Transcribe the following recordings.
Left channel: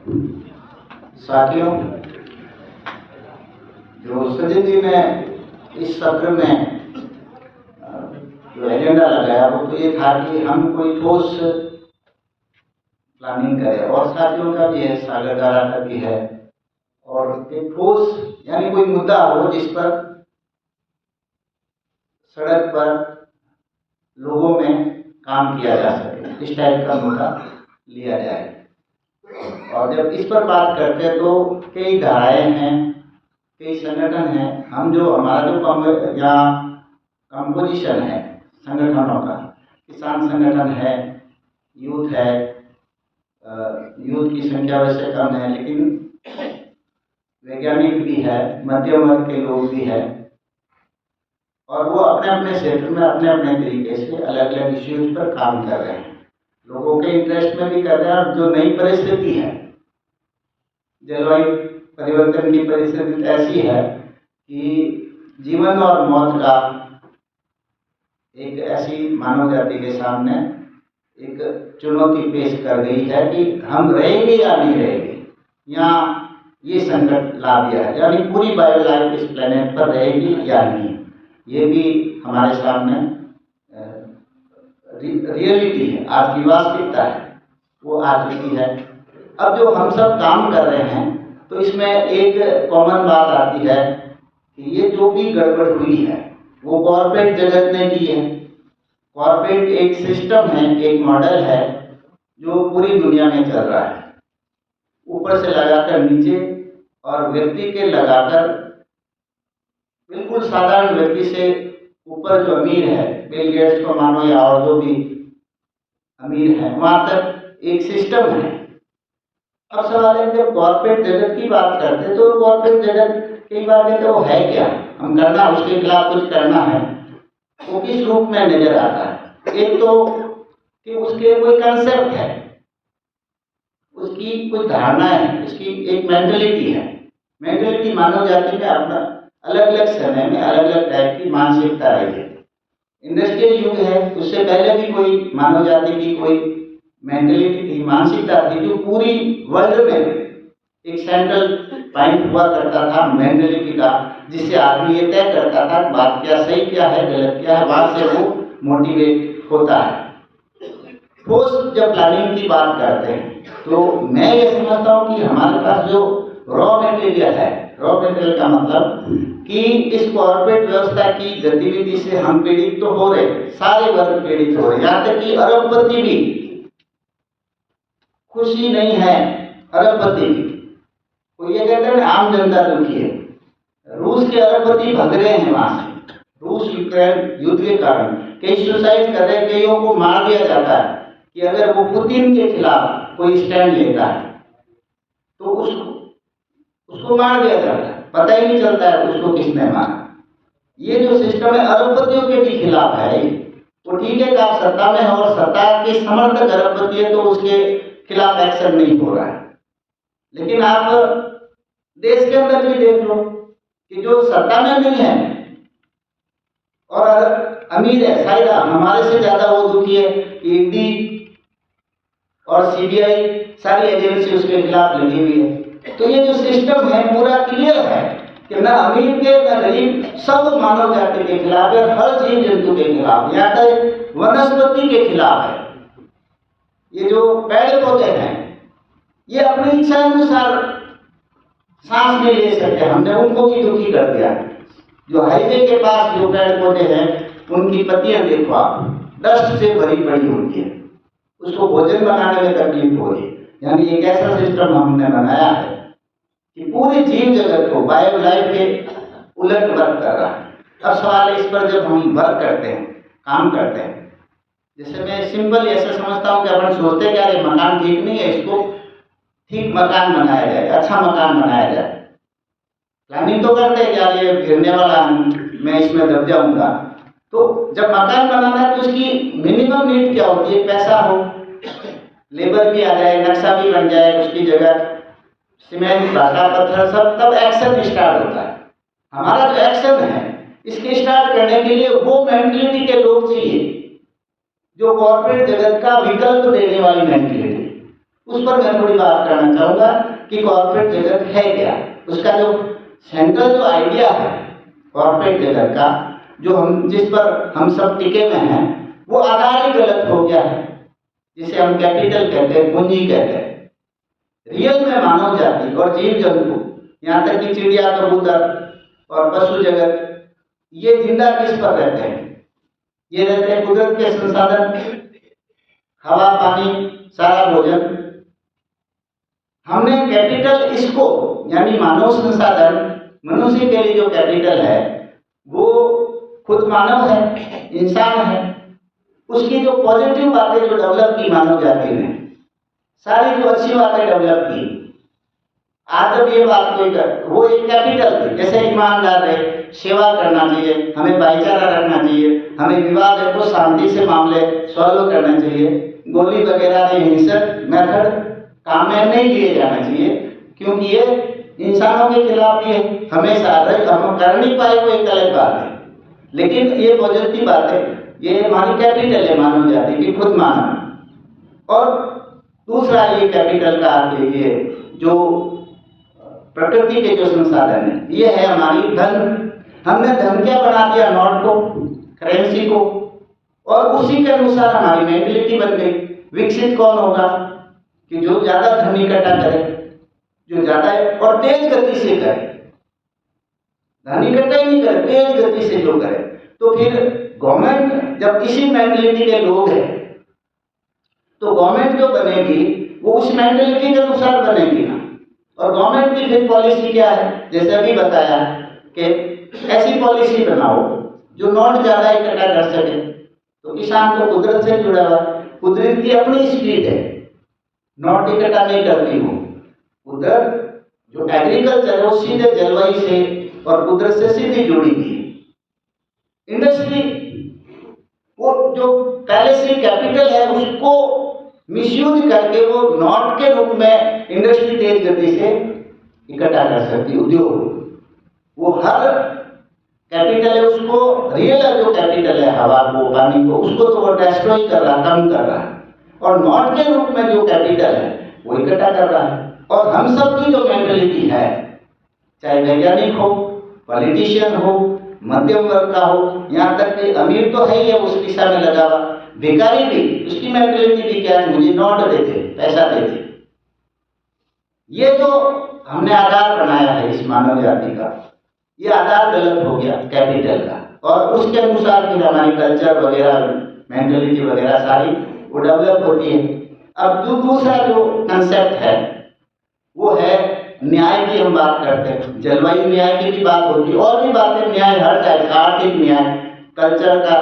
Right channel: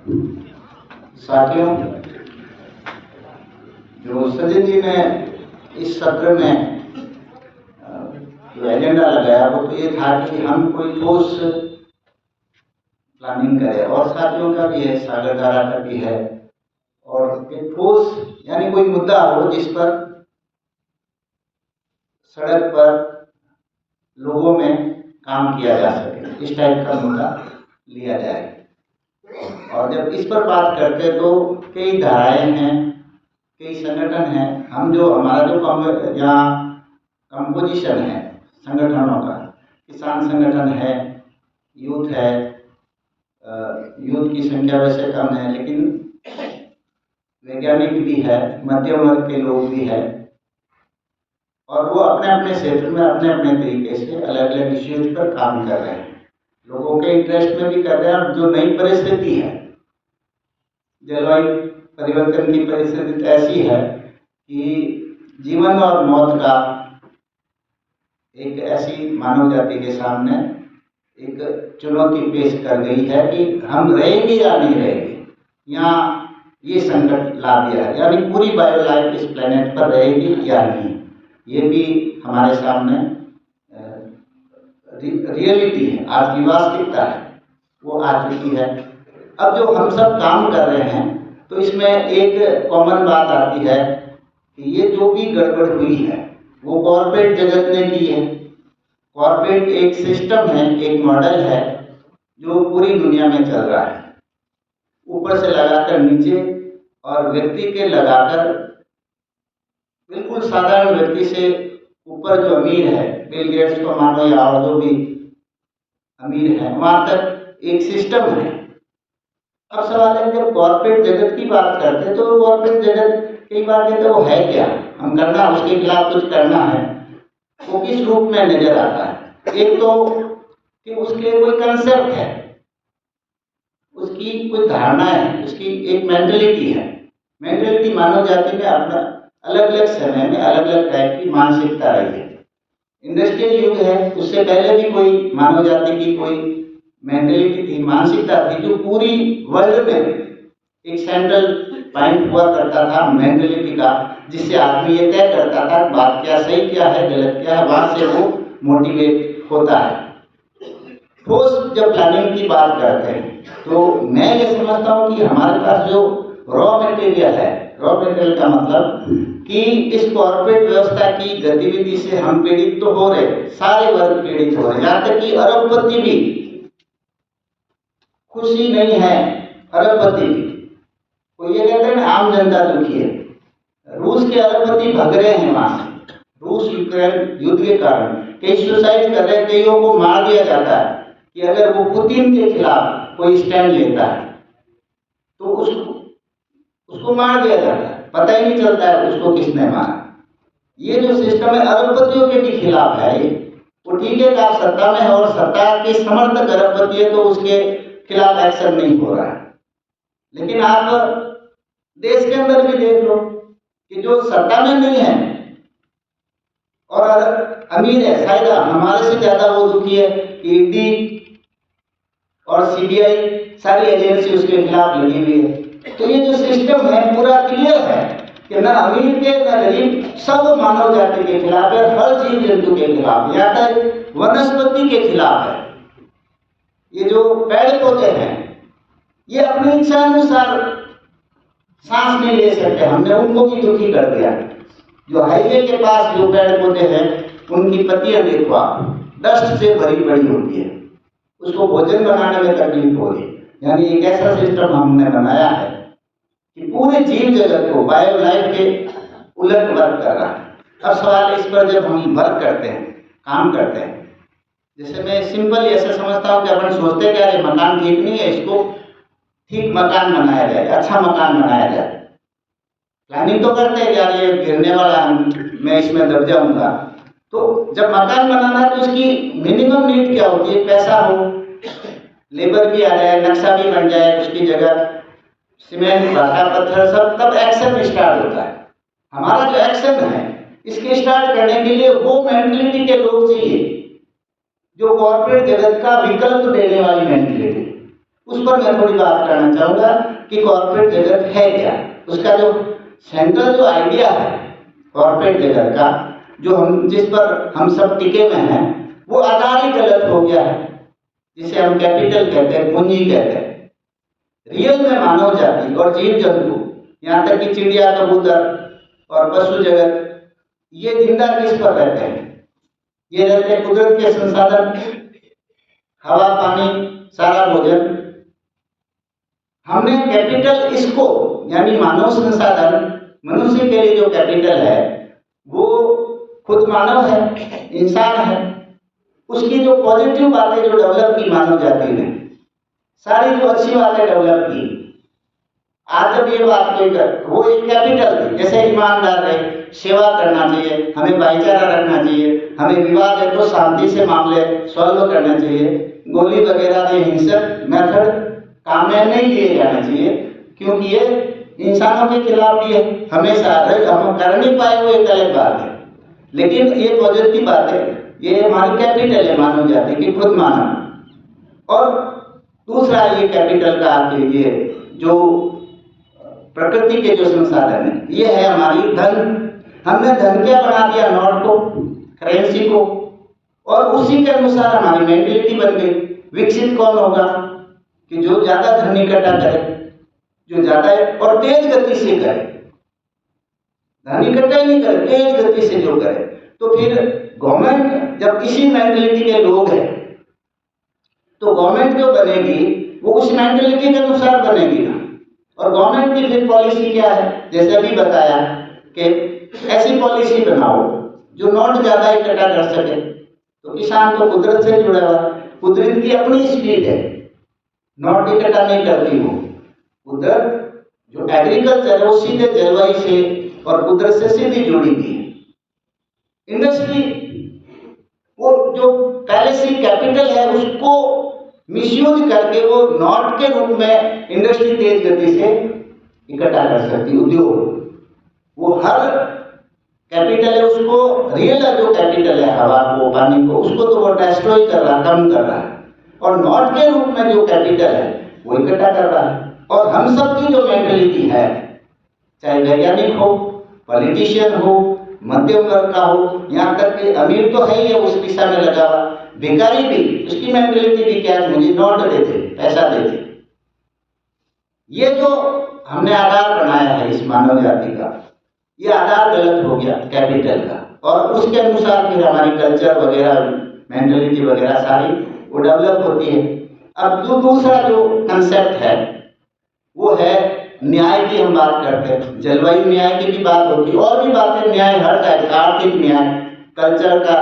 साथियों, जो सचिन जी ने इस सत्र में जो एजेंडा लगाया वो तो ये था कि हम कोई ठोस प्लानिंग करें, और साथियों का भी है, सागर धारा का भी है, और एक ठोस यानी कोई मुद्दा हो जिस पर सड़क पर लोगों में काम किया जा सके, इस टाइप का मुद्दा लिया जाए। और जब इस पर बात करते हैं तो कई धाराएं हैं, कई संगठन हैं। हम जो हमारा जो यहाँ कंपोजिशन है संगठनों का, किसान संगठन है, यूथ है, यूथ की संख्या वैसे कम है, लेकिन वैज्ञानिक भी है, मध्यम वर्ग के लोग भी हैं, और वो अपने अपने क्षेत्र में अपने अपने तरीके से अलग अलग इश्यूज पर काम कर रहे हैं, लोगों के इंटरेस्ट में भी कर रहे हैं। और जो नई परिस्थिति है, जलवायु परिवर्तन की परिस्थिति ऐसी है कि जीवन और मौत का एक ऐसी मानव जाति के सामने एक चुनौती पेश कर गई है कि हम रहेंगे या नहीं रहेंगे। यहाँ ये संकट ला दिया है, यानी पूरी बायो लाइफ इस प्लेनेट पर रहेगी या नहीं, ये भी हमारे सामने रियलिटी है, आज की वास्तविकता है, वो आ चुकी है। अब जो हम सब काम कर रहे हैं तो इसमें एक कॉमन बात आती है कि ये जो भी गड़बड़ हुई है वो कॉर्पोरेट जगत ने की है। कॉर्पोरेट एक सिस्टम है, एक मॉडल है जो पूरी दुनिया में चल रहा है, ऊपर से लगाकर नीचे और व्यक्ति के लगाकर बिल्कुल साधारण व्यक्ति से ऊपर जो अमीर है, बिल गेट्स को मानो या और जो भी अमीर है, वहां तक एक सिस्टम है। अब सवाल है, जब कॉर्पोरेट जगत की बात करते तो कॉर्पोरेट जगत कई बार कहते वो है क्या, हम करना उसके खिलाफ कुछ करना है, वो किस रूप में नजर आता है। एक तो कि उसके कोई कंसेप्ट है, उसकी कोई धारणा है, उसकी एक मेंटलिटी है। मेंटलिटी मानव जाति में अपना अलग अलग समय में अलग अलग टाइप की मानसिकता रही है। इंडस्ट्रियल युग है, उससे पहले भी कोई मानव जाति की कोई मेंटलिटी थी, मानसिकता थी, जो पूरी वर्ल्ड में एक सेंट्रल पॉइंट हुआ करता था मेंटलिटी का, जिससे आदमी ये तय करता था बात क्या सही क्या है गलत क्या है, वहां से वो मोटिवेट होता है। ठोस जब प्लानिंग की बात करते हैं तो मैं ये समझता हूँ कि हमारे पास जो रॉ मटेरियल है, रॉ मटेरियल का मतलब कि इस कॉर्पोरेट व्यवस्था की गतिविधि से हम पीड़ित तो हो रहे, सारे वर्ग पीड़ित हो रहे, यहाँ तक कि अरबपति भी खुशी नहीं है। अरबपति भी, कोई ये कहते हैं आम जनता दुखी है। रूस के अरबपति भग रहे हैं वहां से, रूस यूक्रेन युद्ध के कारण कई सुसाइड कर रहे, कईयों को मार दिया जाता है कि अगर वो पुतिन के खिलाफ कोई स्टैंड लेता है तो उसको मार दिया जाता है, पता ही नहीं चलता है उसको किसने मारा। ये जो सिस्टम है अरबपतियों के भी खिलाफ है। वो ठीक है कि आप सत्ता में है और सत्ता के समर्थक अरबपति है तो उसके खिलाफ एक्शन नहीं हो रहा है, लेकिन आप देश के अंदर भी देख लो कि जो सत्ता में नहीं है और अमीर है, शायद हमारे से ज्यादा वो दुखी है। ईडी और सीबीआई सारी एजेंसी उसके खिलाफ लगी हुई है। तो ये जो सिस्टम है पूरा क्लियर है कि ना अमीर के ना गरीब, सब मानव जाति के खिलाफ है, हर जीव जंतु के खिलाफ, यहाँ तक वनस्पति के खिलाफ है। ये जो पेड़ पौधे हैं ये अपनी इच्छा अनुसार सांस नहीं ले सकते, हमने उनको भी दुखी कर दिया। जो हाईवे के पास जो पेड़ पौधे हैं उनकी पत्तियां देखो आप, डस्ट से भरी पड़ी होती है, उसको भोजन बनाने में तकलीफ हो रही है। यानी एक ऐसा सिस्टम हमने बनाया है कि पूरे जीव जगत को बायो लाइफ के उलट वर्क कर रहा है। अब सवाल इस पर जब हम वर्क करते हैं, काम करते हैं, जैसे मैं सिंपल ऐसा समझता हूँ कि अपन सोचते क्या है मकान ठीक नहीं है, इसको ठीक मकान बनाया जाए, अच्छा मकान बनाया जाए। प्लानिंग तो करते हैं क्या ये गिरने वाला मैं इसमें दब जाऊंगा। तो जब मकान बनाना है तो उसकी मिनिमम नीड क्या होती है, पैसा हो, लेबर भी आ जाए, नक्शा भी बन जाए, उसकी जगह सीमेंट भाटा पत्थर सब, तब एक्शन स्टार्ट होता है। हमारा जो एक्शन है इसके स्टार्ट करने के लिए वो मेंटलिटी के लोग चाहिए जो कॉर्पोरेट जगत का विकल्प देने वाली मेंटलिटी, उस पर मैं थोड़ी बात करना चाहूँगा कि कॉर्पोरेट जगत है क्या। उसका जो सेंट्रल जो आइडिया है कॉर्पोरेट जगत का, जो जिस पर हम सब टिके हुए हैं, वो आधार ही गलत हो गया है, जिसे हम कैपिटल कहते हैं, पूंजी कहते हैं। रियल में मानव जाति और जीव जंतु, यहाँ तक कि चिड़िया, कबूतर और पशु जगत, ये जिंदा किस पर रहते हैं? ये रहते हैं कुदरत के संसाधन, हवा, पानी, सारा भोजन। हमने कैपिटल इसको, यानी मानव संसाधन, मनुष्य के लिए जो कैपिटल है वो खुद मानव है, इंसान है। उसकी जो पॉजिटिव बातें जो डेवलप की मानव जाति ने, सारी जो अच्छी बातें डेवलप की, आज जब ये बात कोई कर, वो एक कैपिटल थी। जैसे ईमानदार है, सेवा करना चाहिए, हमें भाईचारा रखना चाहिए, हमें विवाद है तो शांति से मामले सॉल्व करना चाहिए, गोली वगैरह के हिंसक मेथड काम में नहीं लिए जाना चाहिए, क्योंकि ये इंसानों के खिलाफ भी है। हमेशा हम कर नहीं पाए वो एक अलग बात है, लेकिन ये पॉजिटिव बात है, ये हमारी कैपिटल है मानव जाति की, खुद मानव। और दूसरा ये कैपिटल का ये जो प्रकृति के जो संसाधन है, ये है हमारी धन। हमने धन क्या बना दिया? नोट को, करेंसी को, और उसी के अनुसार हमारी मेंटलिटी बन गई। विकसित कौन होगा? कि जो ज्यादा धन इकट्ठा करे, जो ज्यादा और तेज गति से करे। धन इकट्ठा ही नहीं करे, तेज गति से जो करे। तो फिर गवर्नमेंट जब इसी मेंटलिटी के लोग हैं, तो गवर्नमेंट जो बनेगी वो उस मेंटलिटी के अनुसार बनेगी ना। और गवर्नमेंट की फिर पॉलिसी क्या है? जैसे अभी बताया कि ऐसी पॉलिसी बनाओ जो नोट ज्यादा इकट्ठा कर सके। तो किसान तो कुदरत से जुड़ा हुआ, कुदरत की अपनी स्पीड है, नोट इकट्ठा नहीं करती वो। कुदरत जो एग्रीकल्चर वो सीधे जलवायु से और कुदरत से सीधी जुड़ी हुई है। इंडस्ट्री वो जो पहले से कैपिटल है उसको मिसयूज करके वो नोट के रूप में इंडस्ट्री तेज गति से इकट्ठा कर सकती है। उद्योग वो हर कैपिटल है, उसको रियल जो कैपिटल है, हवा को, पानी को, उसको तो वो डिस्ट्रॉय कर रहा है, कम कर रहा है। और नोट के रूप में जो कैपिटल है वो इकट्ठा कर रहा है। और हम सब की जो मेंटलिटी है, चाहे वैज्ञानिक हो, पॉलिटिशियन हो, मध्यम वर्ग का हो, यहाँ तक कि अमीर तो है ही उस दिशा में लगा हुआ, भिखारी भी, उसकी मेंटलिटी भी क्या है? मुझे नोट देते, पैसा देते। ये जो हमने आधार बनाया है इस मानव जाति का, ये आधार गलत हो गया कैपिटल का। और उसके अनुसार फिर हमारी कल्चर वगैरह, मेंटलिटी वगैरह सारी वो डेवलप होती है। अब जो दूसरा जो कंसेप्ट है वो है न्याय की। हम बात करते हैं, जलवायु न्याय की भी बात होती है, और भी बातें, न्याय हर टाइप का, आर्थिक न्याय, कल्चर का,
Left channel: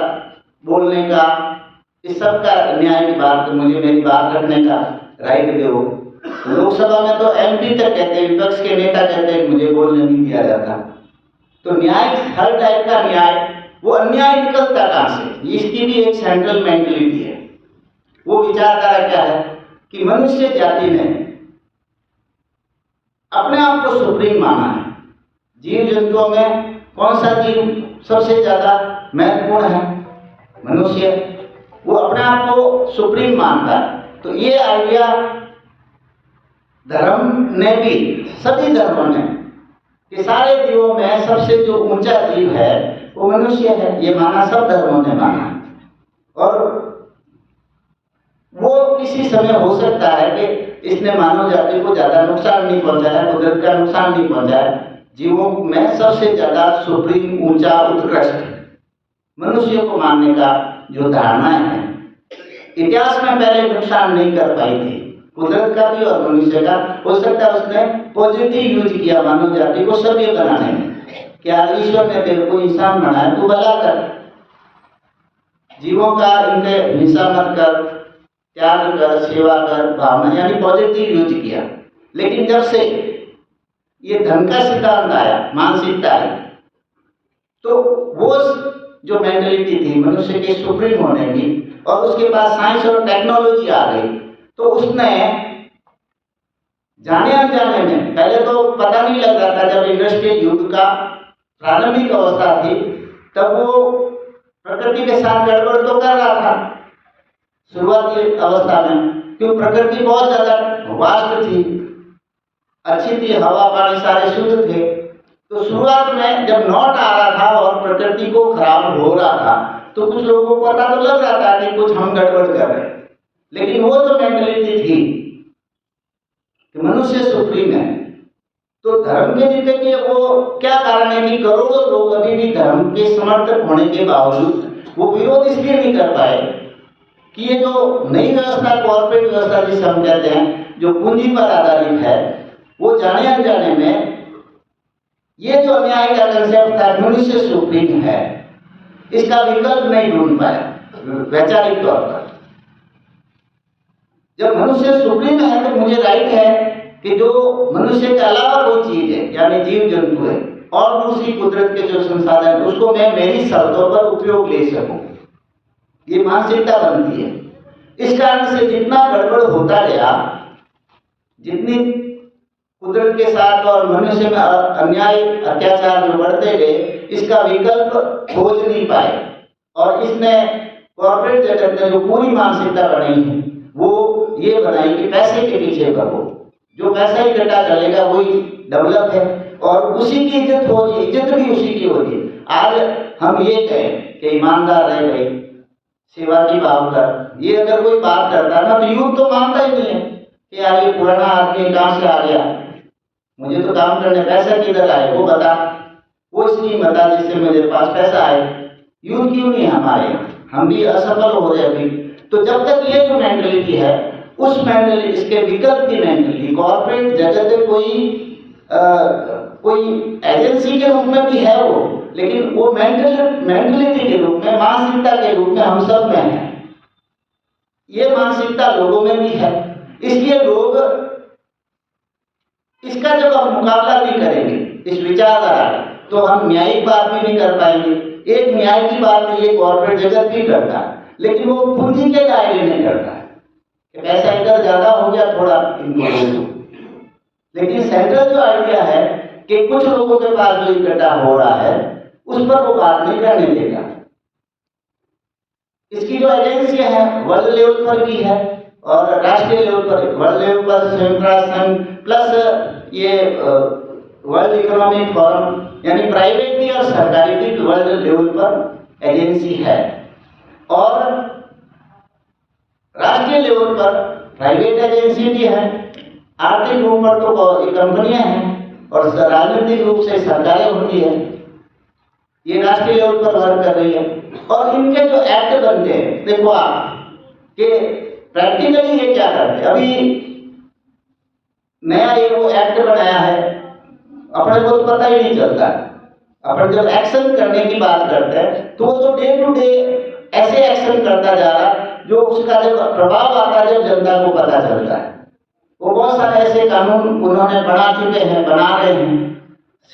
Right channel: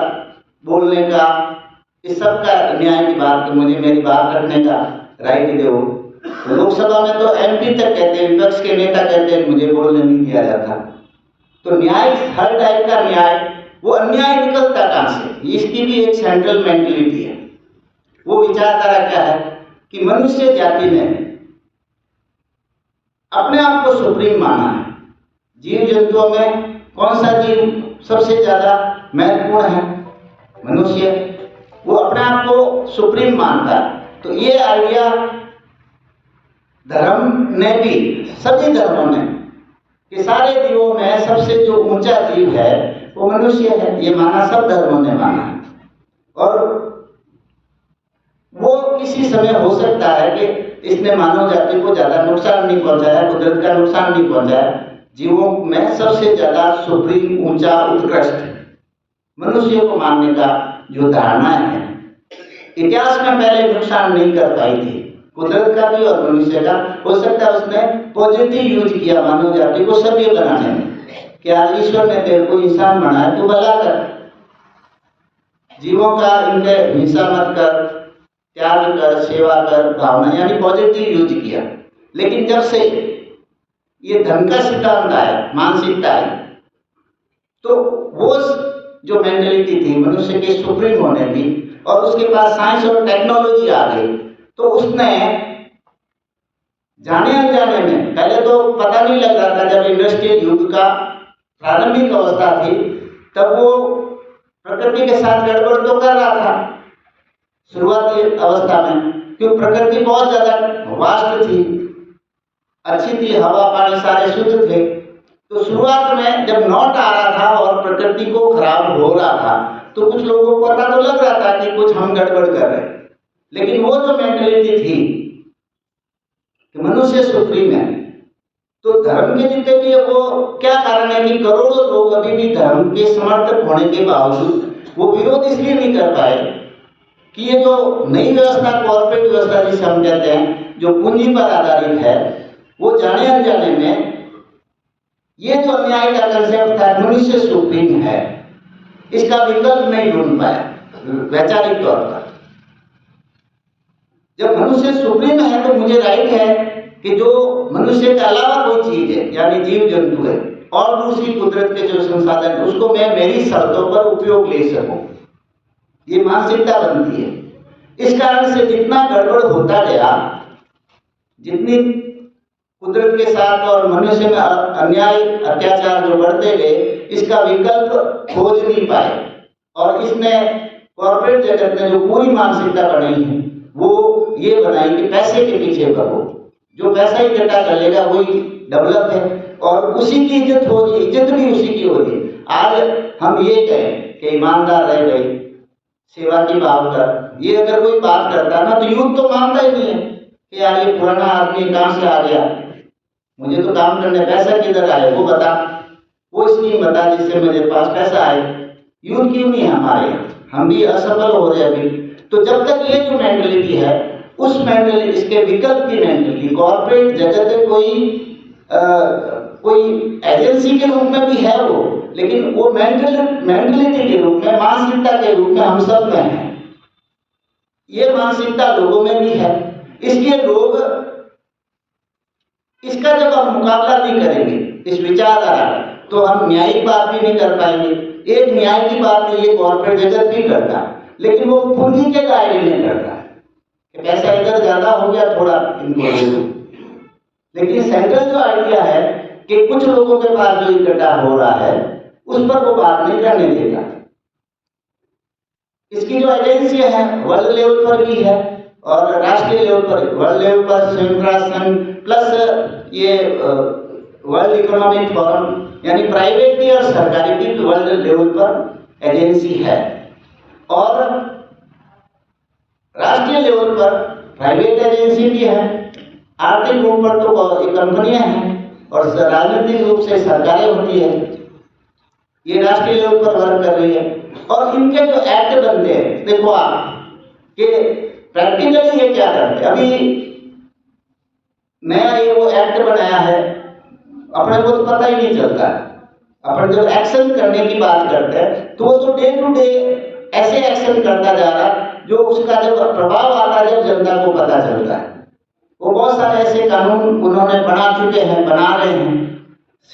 बोलने का, इस सब का न्याय की बात। तो मुझे मेरी बात रखने का राइट दो। लोकसभा में तो एमपी तक कहते हैं, विपक्ष के नेता कहते हैं मुझे बोलने नहीं दिया जाता। तो न्याय हर टाइप का न्याय, वो अन्याय निकलता कहाँ से? इसकी भी एक सेंट्रल मेंटलिटी है। वो विचारधारा क्या है कि मनुष्य जाति ने अपने आप को सुप्रीम माना है। जीव जंतुओं में कौन सा जीव सबसे ज्यादा महत्वपूर्ण है? मनुष्य। वो अपने आप को सुप्रीम मानता है। तो ये आइडिया धर्म ने भी, सभी धर्मों ने, कि सारे जीवों में सबसे जो ऊंचा जीव है वो मनुष्य है, ये माना, सब धर्मों ने माना। और वो किसी समय हो सकता है कि इसने मानव जाति को ज्यादा नुकसान नहीं पहुंचाया, कुदरत का नुकसान नहीं पहुंचाया। जीवों में सबसे ज्यादा सुप्रीम, ऊंचा, उत्कृष्ट मनुष्य को मानने का जो धारणा है, इतिहास में पहले नुकसान नहीं कर पाई थी, कुदरत का भी और मनुष्य का। हो सकता है उसने पॉजिटिव यूज किया मानव जाति को सभ्य बनाने में। क्या ईश्वर ने तेरे को इंसान बनाया, तू भला कर, जीवों का इनके हिंसा मत कर, त्याग कर, सेवा कर, भावना, यानी पॉजिटिव यूज किया। लेकिन जब से ये धन का सिद्धांत आया, मानसिकता आई, तो वो जो मेंटलिटी थी मनुष्य के सुप्रीम होने की, और उसके पास साइंस और टेक्नोलॉजी आ गई, तो उसने जाने अनजाने में, पहले तो पता नहीं लग रहा था, जब इंडस्ट्रियल युग का प्रारंभिक अवस्था थी तब वो प्रकृति के साथ गड़बड़ तो कर रहा था शुरुआती अवस्था में, क्योंकि प्रकृति बहुत ज्यादा वास्ट थी, अच्छी थी, हवा पानी सारे शुद्ध थे। तो शुरुआत में जब नॉट आ रहा था और प्रकृति को खराब हो रहा था तो कुछ लोगों को पता तो लग रहा था कि कुछ हम गड़बड़ कर रहे हैं, लेकिन वो जो मेंटेलिटी थी कि मनुष्य सुप्रीम है, तो धर्म के जितने भी वो क्या कारण है कि करोड़ों लोग अभी भी धर्म के समर्थक होने के बावजूद वो विरोध इसलिए नहीं कर पाए कि ये जो नई व्यवस्था, कॉर्पोरेट व्यवस्था जिसे हम कहते हैं, जो पूंजी पर आधारित है, वो जाने अनजाने में ये जो अन्याय का कंसेप्ट था मनुष्य सुप्रीम है, इसका विकल्प नहीं ढूंढ पाया वैचारिक तौर पर। जब मनुष्य सुप्रीम है तो मुझे राइट है कि जो मनुष्य के अलावा कोई चीज है यानी जीव जंतु है और दूसरी कुदरत के जो संसाधन है उसको मैं मेरी शर्तों पर उपयोग ले सकूं, ये मानसिकता बनती है। इस कारण से जितना गड़बड़ होता गया, जितनी कुदरत के साथ और मनुष्य में अन्याय अत्याचार जो बढ़ते गए, इसका विकल्प खोज नहीं पाए और इसने कॉर्पोरेट जगत ने जो पूरी मानसिकता बनाई है वो ये बनाई कि पैसे के पीछे भागो, जो पैसा ही इकट्ठा चलेगा वही डेवलप है और उसी की इज्जत हो रही है, इज्जत भी उसी की हो रही है। आज हम ये कहें कि ईमानदार रह गई, सेवा की भाव कर, ये अगर कोई बात करता है ना तो यूथ तो मानता ही नहीं है कि यार ये पुराना आदमी कहाँ से आ गया, मुझे तो काम करने पैसा किधर आए वो बता, वो स्कीम बता जिससे मेरे पास पैसा आए। यूथ क्यों नहीं है हमारे यहाँ, हम भी असफल हो रहे अभी। तो जब तक ये जो मेंटलिटी है उस मेंटलिटी, इसके विकल्प की मेंटलिटी, कॉर्पोरेट जगत में कोई एजेंसी के रूप में भी है वो, लेकिन वो मेंटलिटी के रूप में, मानसिकता के रूप में हम सब में है। ये मानसिकता लोगों में भी है, इसलिए लोग इसका जब हम मुकाबला नहीं करेंगे इस विचारधारा, तो हम न्यायिक बात भी नहीं कर पाएंगे। एक न्याय की बात तो ये कॉर्पोरेट जगत भी करता है, लेकिन वो पूंजी के दायरे में करता है कि पैसा इधर ज्यादा हो गया थोड़ा इनको, लेकिन सेंट्रल जो आइडिया है कि कुछ लोगों के पास जो इकट्ठा हो रहा है उस पर वो बात नहीं करने देगा। इसकी जो एजेंसियां हैं वर्ल्ड लेवल पर भी है और राष्ट्रीय लेवल पर, वर्ल्ड लेवल पर संयुक्त राष्ट्र संघ प्लस ये वर्ल्ड इकोनॉमिक फोरम, यानी प्राइवेट भी और सरकारी भी वर्ल्ड लेवल पर एजेंसी है। और राष्ट्रीय लेवल पर प्राइवेट एजेंसी भी है, आर्थिक रूप पर तो कंपनियां हैं और राजनीतिक रूप से सरकारें होती है, ये राष्ट्रीय लेवल पर वर्क कर रही है। और इनके जो एक्ट बनते हैं, देखो आप कि प्रैक्टिकली ये क्या करते हैं। अभी नया ये वो एक्ट बनाया है, अपने को तो पता ही नहीं चलता, अपन जब एक्शन करने की बात करते हैं तो वो तो डे टू डे ऐसे एक्शन करता जा रहा है जो उसका जब प्रभाव आता है जब जनता को पता चलता है। वो बहुत सारे ऐसे कानून उन्होंने बना चुके हैं, बना रहे हैं,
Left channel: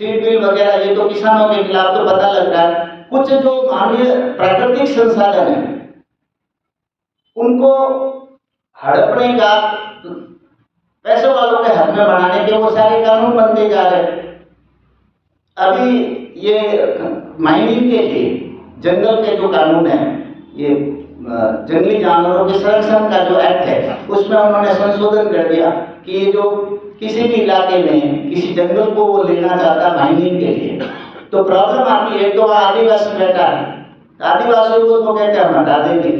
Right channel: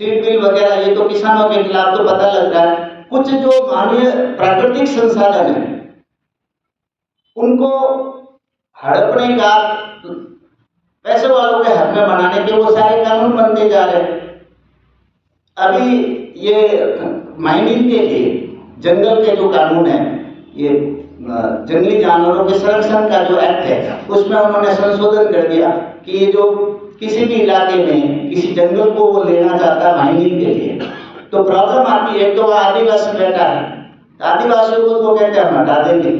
सीड बिल वगैरह, ये तो किसानों के खिलाफ तो पता लगता है। कुछ जो मानवीय प्राकृतिक संसाधन है उनको हड़पने का, पैसे वालों के हाथ में बनाने के वो सारे कानून बनते जा रहे हैं। अभी ये माइनिंग के लिए जंगल के जो कानून है, ये जंगली जानवरों के संरक्षण का जो एक्ट है, उसमें उन्होंने संशोधन कर दिया कि ये जो किसी भी इलाके में किसी जंगल को वो लेना चाहता है माइनिंग के लिए, तो प्रॉब्लम आती है। तो आदिवासी बैठा है, आदिवासियों को तो कहते हैं हम हटा देंगे।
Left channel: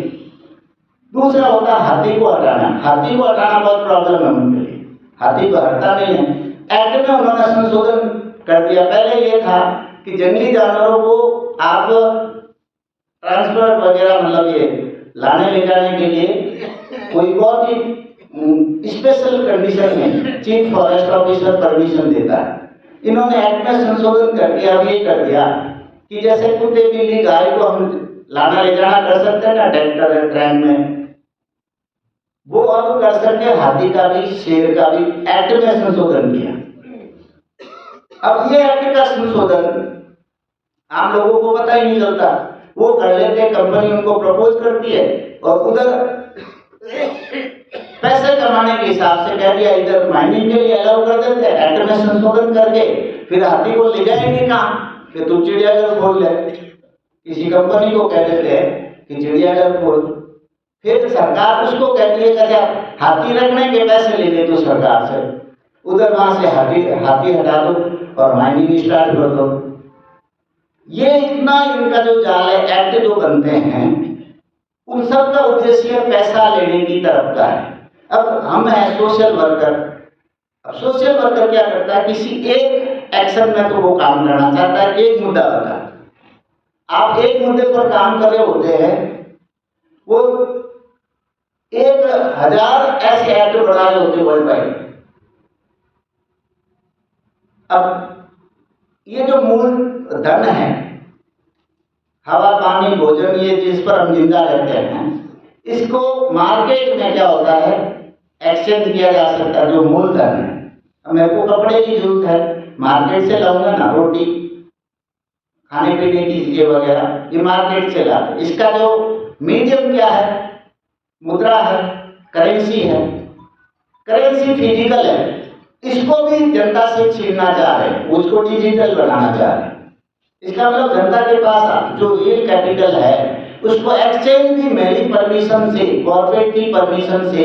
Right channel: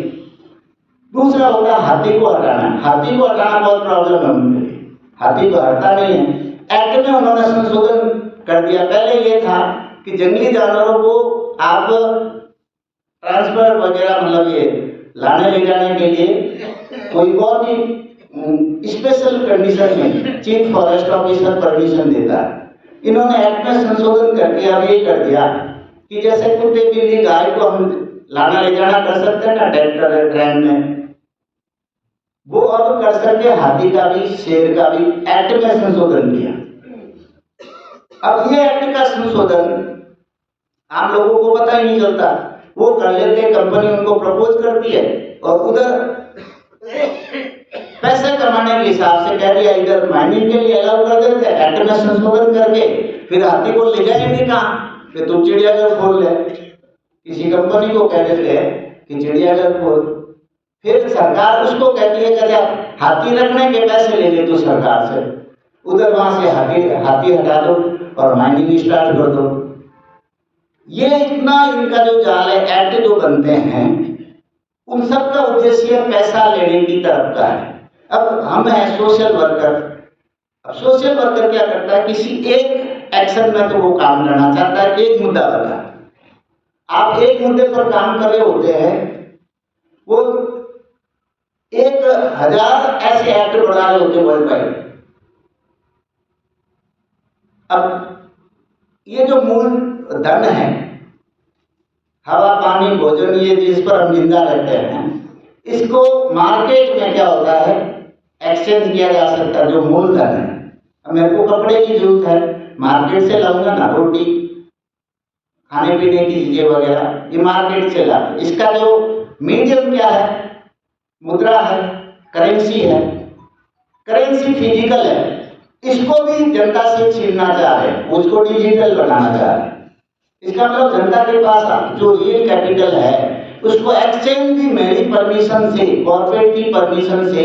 दूसरा होता है हाथी को हटाना, हाथी को हटाना बहुत प्रॉब्लम है उनके लिए, हाथी को हटता नहीं है। एक्ट में उन्होंने संशोधन कर दिया। पहले ये था कि जंगली जानवरों को आप ट्रांसफर वगैरह, मतलब ये लाने ले जाने के लिए कोई बहुत ही स्पेशल कंडीशन में चीफ फॉरेस्ट ऑफिसर परमिशन देता है। इन्होंने एक्ट में संशोधन करके अब ये कर दिया कि जैसे कुत्ते बिल्ली गाय को हम लाना ले जाना कर सकते हैं ना ट्रैक्टर ट्रेन में, वो अब कर सकते हाथी का भी, शेर का भी। एक्ट में संशोधन किया। अब ये एक्ट का संशोधन आम लोगों को पता ही नहीं चलता, वो कर लेते, कंपनी उनको प्रपोज करती है और उधर पैसे कमाने के हिसाब से कह दिया इधर माइनिंग के लिए अलाउ कर देते, एक्ट में संशोधन करके फिर हाथी को ले जाएंगे कहाँ, फिर तुम चिड़ियाघर खोल ले, किसी कंपनी को कह देते हैं कि चिड़ियाघर खोल, फिर सरकार उसको कहती है अच्छा हाथी रखने के पैसे ले ले तो सरकार से, उधर वहां से हाथी हटा दो और माइनिंग स्टार्ट कर दो। ये इतना इनका जो जाल है, एक्ट जो बनते हैं, उन सब का उद्देश्य पैसा लेने की तरफ का है। अब हम हैं सोशल वर्कर। अब सोशल वर्कर क्या करता है, किसी एक एक्शन में तो वो काम करना चाहता है, एक मुद्दा बता, आप एक मुद्दे पर काम कर रहे होते हैं, वो 1000 ऐसे एक्ट बना रहे होते वर्ल्ड वाइड। अब ये जो मूल धन है, हवा पानी भोजन, ये जिस पर हम जिंदा रहते हैं, इसको मार्केट में क्या होता है, एक्सचेंज किया जा सकता है। जो मूल धन है, अब मेरे को कपड़े की जरूरत है, मार्केट से लाऊंगा ना, रोटी खाने पीने की चीजें वगैरह, ये मार्केट से लाते। इसका जो मीडियम क्या है, मुद्रा है, करेंसी है। करेंसी फिजिकल है, इसको भी जनता से छीनना चाह रहे हैं, उसको डिजिटल बनाना चाह रहे हैं। इसका मतलब जनता के पास जो रियल कैपिटल है, उसको एक्सचेंज की मेरी परमिशन से, कॉर्पोरेट की परमिशन से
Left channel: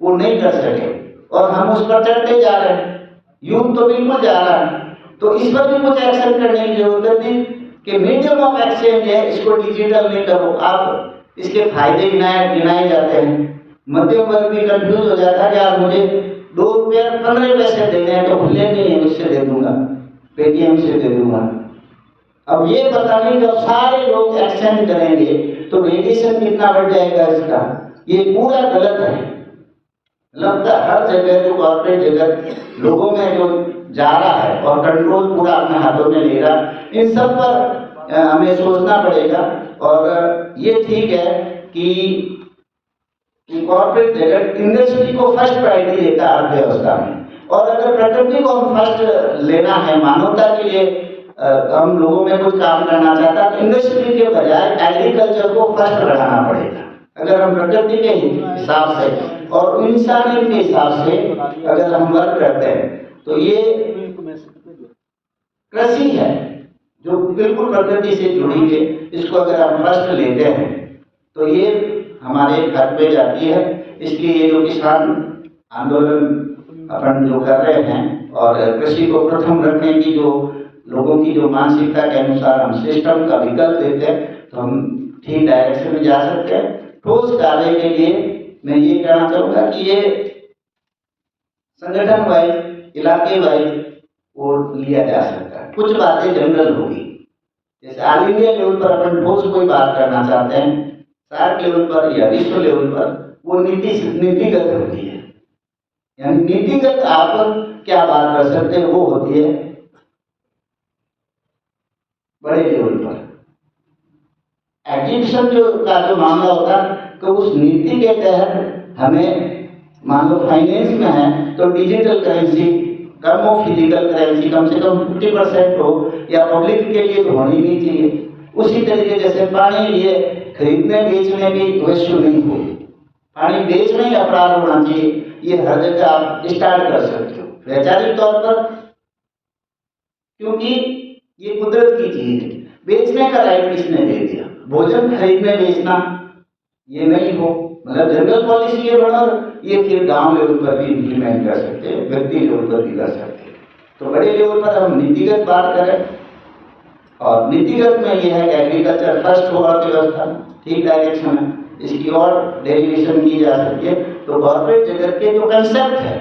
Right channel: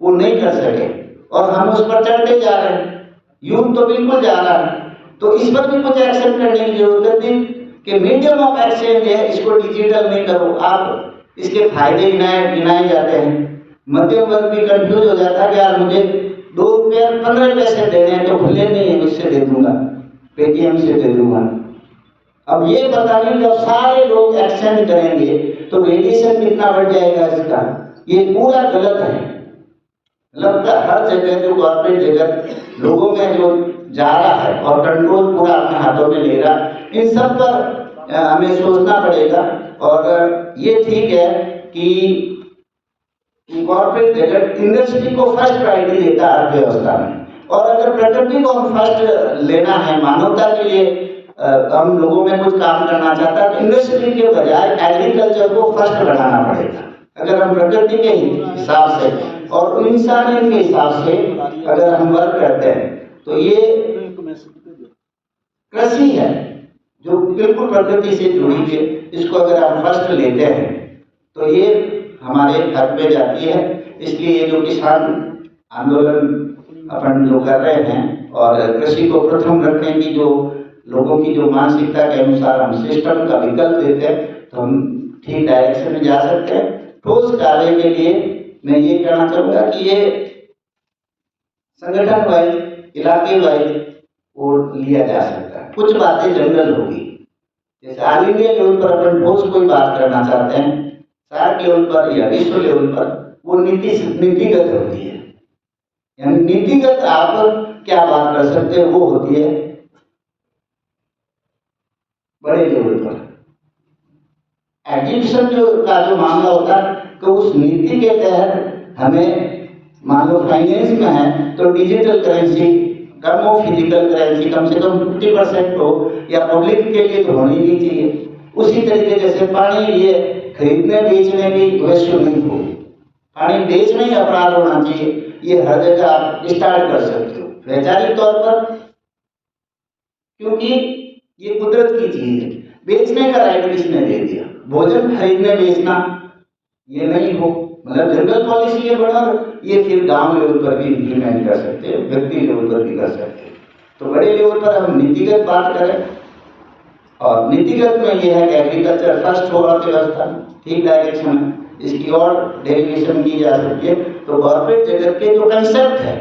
वो नहीं कर सके, और हम उस पर चढ़ते जा रहे हैं। युग तो बिल्कुल जा रहा है, तो इस पर भी कुछ एक्शन करने की जरूरत है कि मीडियम ऑफ एक्सचेंज है, इसको डिजिटल नहीं करो। आप इसके फायदे गिनाए जाते हैं, मध्यम वर्ग भी कंफ्यूज हो जाता है कि यार मुझे 2 रुपये 15 पैसे देने हैं, तो खुले नहीं है, उससे दे दूंगा, पेटीएम से दे दूंगा। अब ये पता नहीं कब सारे लोग एक्सचेंज करेंगे तो रेडिएशन कितना बढ़ जाएगा इसका। ये पूरा गलत है। लगता हर जगह जो कॉर्पोरेट जगत लोगों में जो जा रहा है और कंट्रोल पूरा अपने हाथों में ले रहा, इन सब पर हमें सोचना पड़ेगा। और ये ठीक है कि कॉर्पोरेट जगत इंडस्ट्री को फर्स्ट प्रायोरिटी देता है अर्थव्यवस्था में, और अगर प्रकृति को हम फर्स्ट लेना है, मानवता के लिए हम लोगों में कुछ काम करना चाहता है, तो इंडस्ट्री के बजाय एग्रीकल्चर को फर्स्ट बढ़ाना पड़ेगा। अगर हम प्रकृति के हिसाब से और इंसान के हिसाब से अगर हम वर्क करते हैं, तो ये कृषि है जो बिल्कुल प्रकृति से जुड़ी है, इसको अगर हम फर्स्ट लेते हैं तो ये हमारे हक में जाती है। इसलिए ये जो किसान आंदोलन अपन जो कर रहे हैं और कृषि को प्रथम रखने की जो लोगों की जो मानसिकता के अनुसार हम सिस्टम का विकल्प देते हैं, तो हम ठीक डायरेक्शन में जा सकते हैं। ठोस कार्य के लिए मैं ये कहना चाहूँगा कि ये संगठन वाइज, इलाके वाइज वो लिया जा सकता है। कुछ बातें जनरल होगी, जैसे ऑल इंडिया लेवल पर अपन ठोस कोई बात करना चाहते हैं, सार्क लेवल पर या विश्व लेवल पर वो नीतिगत होती है। यानी नीतिगत आप क्या बात कर सकते हैं, वो होती है बड़े लेवल पर। एग्जीबिशन का जो मामला होता है, तो उस नीति के तहत हमें, मान लो फाइनेंस में है तो डिजिटल करेंसी कम हो, फिजिकल करेंसी कम से कम 50% हो, या पब्लिक के लिए तो होनी नहीं चाहिए। उसी तरीके जैसे पानी, ये खरीदने बेचने की वैल्यू नहीं हो, पानी बेचना ही अपराध होना चाहिए, ये हर जगह आप स्टार्ट कर सकते हो वैचारिक तौर पर, क्योंकि ये कुदरत की चीज है। बेचने का राइट किसने दे दिया? भोजन खरीदने बेचना ये नहीं हो, मतलब जनरल पॉलिसी ये बना, ये फिर गांव लेवल पर भी इम्प्लीमेंट कर सकते हैं, व्यक्ति लेवल पर भी कर सकते हैं। तो बड़े लेवल पर हम नीतिगत बात करें, और नीतिगत में ये है कि एग्रीकल्चर फर्स्ट हो अर्थव्यवस्था, ठीक डायरेक्शन है, इसकी और डेरिवेशन की जा सकती है। तो कॉर्पोरेट जगत के जो कंसेप्ट है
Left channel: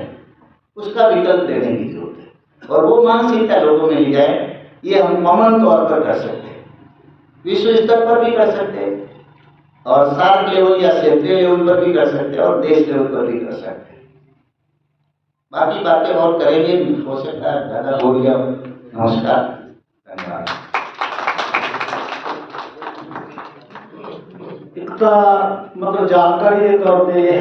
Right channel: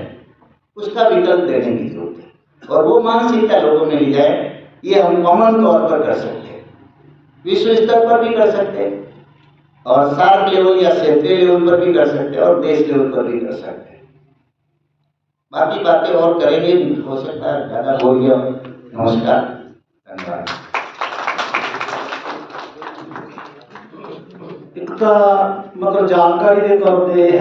उसका विकल्प देने की जरूरत है, और वो मानसिकता लोगों में ली जाए। ये हम कॉमन तौर पर कर सकते हैं, विश्व स्तर पर भी कर सकते हैं, और सार्क लेवल या क्षेत्रीय लेवल पर भी कर सकते हैं, और देश लेवल पर भी कर सकते हैं। बाकी बातें और करेंगे, हो सकता है ज़्यादा हो गया। नमस्कार, धन्यवाद। इतना मतलब जानकारी दे